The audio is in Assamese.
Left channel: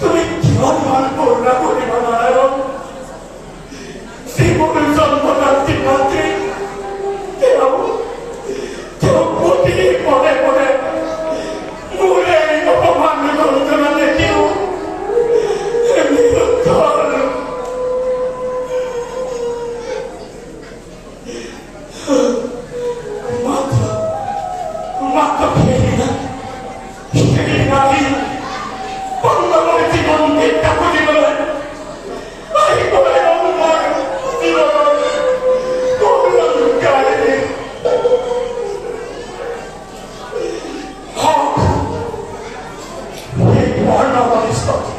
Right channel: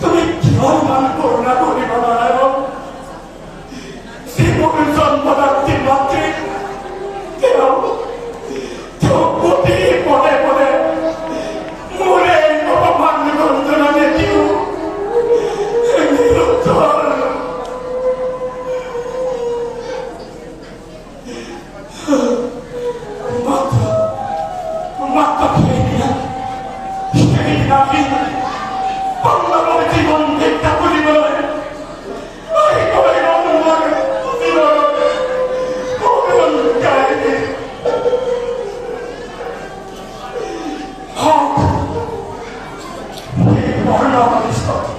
তুমি কিয় ইমান কৰুণা কৰিব নোৱাৰা জীৱন জন্মদাত্ৰী মাতৃ তেওঁ প্ৰতি পদে পদে মোৰ এই অপমান গঞ্জনা দেখিও Stop.